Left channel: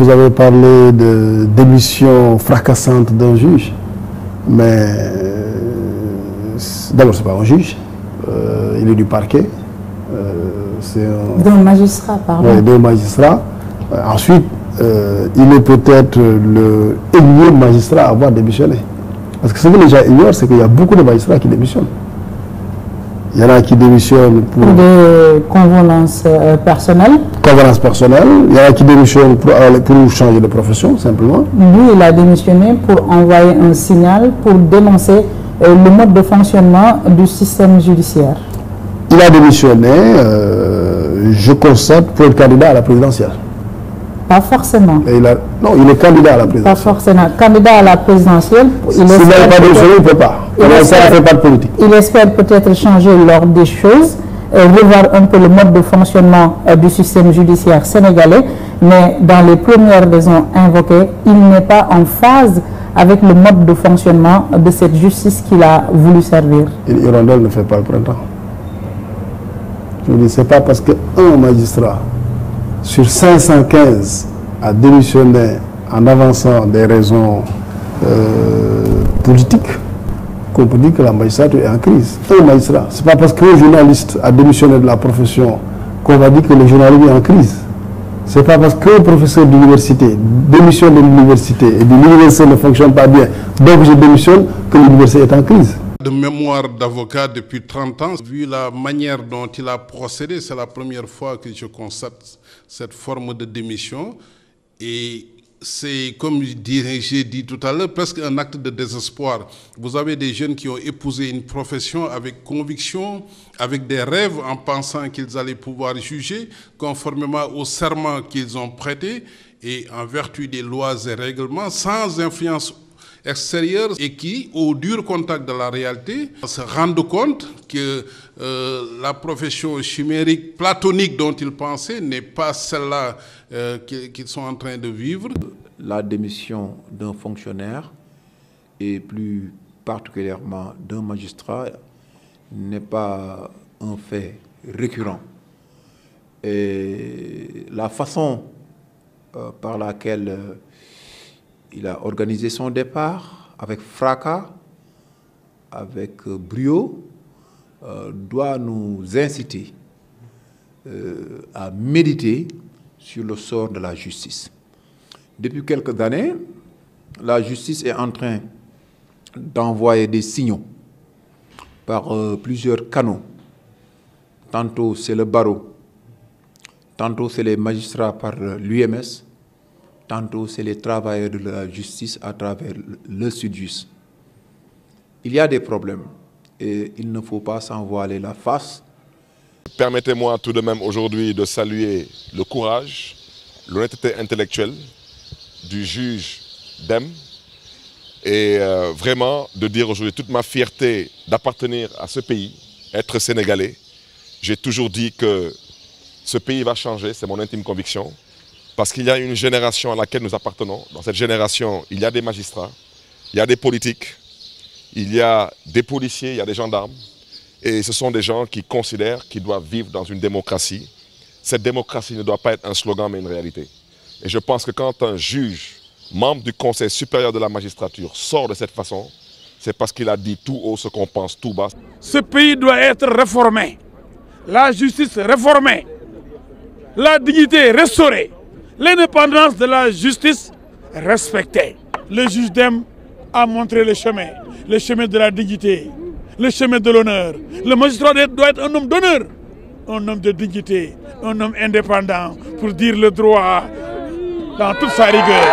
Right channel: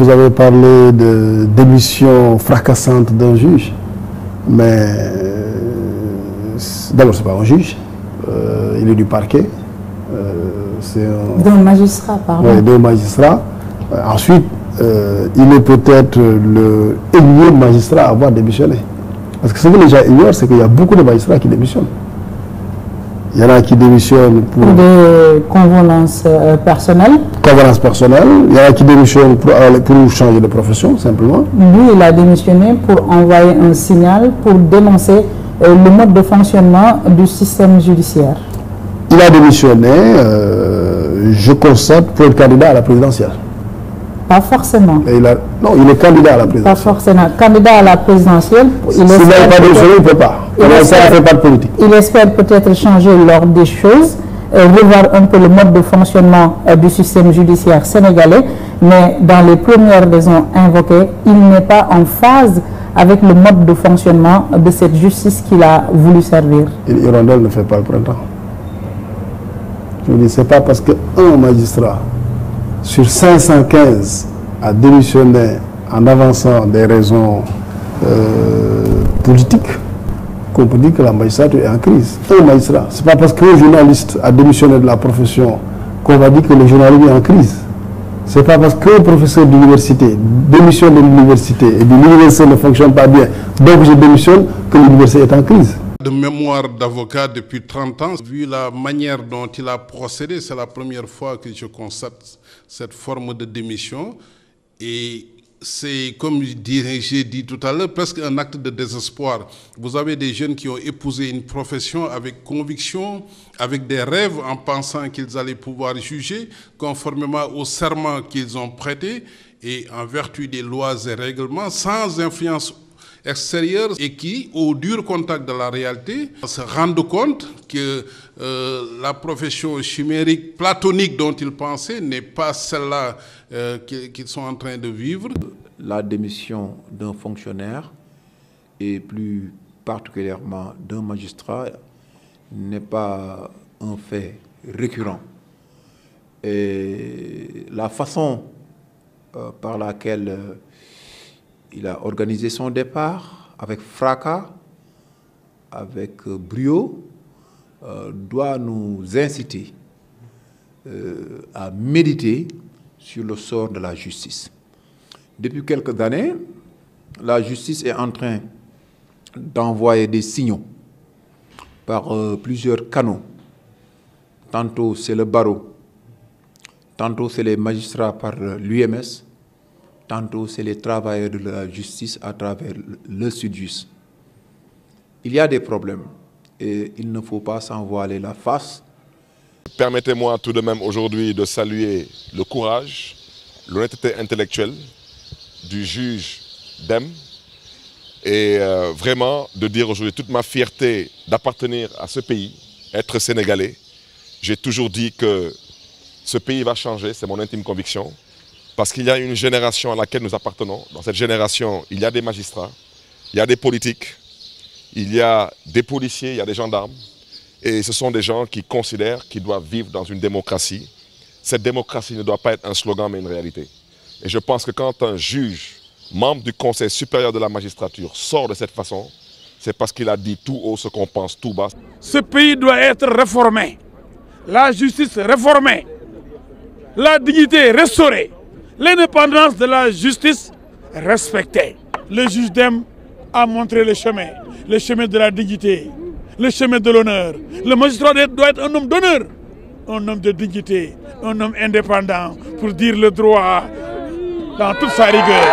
Vous avez parlé de démission fracassante d'un juge, mais d'abord c'est pas un juge, il est du parquet. D'un magistrat, pardon. Oui, d'un magistrat. Ensuite, il est peut-être le énième magistrat à avoir démissionné. Parce que ce que les gens ignorent, c'est qu'il y a beaucoup de magistrats qui démissionnent. Il y en a qui démissionnent pour des convenances personnelles. Convenances personnelles. Il y en a qui démissionnent pour changer de profession, simplement. Lui, il a démissionné pour envoyer un signal pour dénoncer le mode de fonctionnement du système judiciaire. Il a démissionné, je constate, pour être candidat à la présidentielle. Pas forcément. Non, il est candidat à la présidentielle. Pas forcément. Candidat à la présidentielle. S'il n'a pas démissionné, il ne peut pas. Ça ne fait pas de politique. Il espère peut-être changer l'ordre des choses, revoir un peu le mode de fonctionnement du système judiciaire sénégalais, mais dans les premières raisons invoquées, il n'est pas en phase avec le mode de fonctionnement de cette justice qu'il a voulu servir. Une hirondelle ne fait pas le printemps. Je dis, ce n'est pas parce qu'un magistrat sur 515 a démissionné en avançant des raisons politiques qu'on peut dire que la magistrature est en crise. Un magistrat, ce n'est pas parce qu'un journaliste a démissionné de la profession qu'on va dire que le journalisme est en crise. Ce n'est pas parce qu'un professeur d'université démissionne de l'université et que l'université ne fonctionne pas bien, donc je démissionne, que l'université est en crise. De mémoire d'avocat depuis 30 ans, vu la manière dont il a procédé, c'est la première fois que je constate cette forme de démission. Et c'est, comme j'ai dit tout à l'heure, presque un acte de désespoir. Vous avez des jeunes qui ont épousé une profession avec conviction, avec des rêves, en pensant qu'ils allaient pouvoir juger, conformément au serment qu'ils ont prêté, et en vertu des lois et règlements, sans influence extérieurs, et qui, au dur contact de la réalité, se rendent compte que la profession chimérique, platonique dont ils pensaient n'est pas celle-là qu'ils sont en train de vivre. La démission d'un fonctionnaire, et plus particulièrement d'un magistrat, n'est pas un fait récurrent. Et la façon par laquelle il a organisé son départ avec fracas, avec brio, doit nous inciter à méditer sur le sort de la justice. Depuis quelques années, la justice est en train d'envoyer des signaux par plusieurs canaux. Tantôt c'est le barreau, tantôt c'est les magistrats par l'UMS, tantôt c'est les travailleurs de la justice à travers le Sudjust. Il y a des problèmes et il ne faut pas s'en voiler la face. Permettez-moi tout de même aujourd'hui de saluer le courage, l'honnêteté intellectuelle du juge Dème et vraiment de dire aujourd'hui toute ma fierté d'appartenir à ce pays, être sénégalais. J'ai toujours dit que ce pays va changer, c'est mon intime conviction. Parce qu'il y a une génération à laquelle nous appartenons. Dans cette génération, il y a des magistrats, il y a des politiques, il y a des policiers, il y a des gendarmes. Et ce sont des gens qui considèrent qu'ils doivent vivre dans une démocratie. Cette démocratie ne doit pas être un slogan, mais une réalité. Et je pense que quand un juge, membre du Conseil supérieur de la magistrature, sort de cette façon, c'est parce qu'il a dit tout haut ce qu'on pense tout bas. Ce pays doit être réformé, la justice réformée, la dignité restaurée. L'indépendance de la justice respectée. Le juge Dème a montré le chemin de la dignité, le chemin de l'honneur. Le magistrat doit être un homme d'honneur, un homme de dignité, un homme indépendant pour dire le droit dans toute sa rigueur.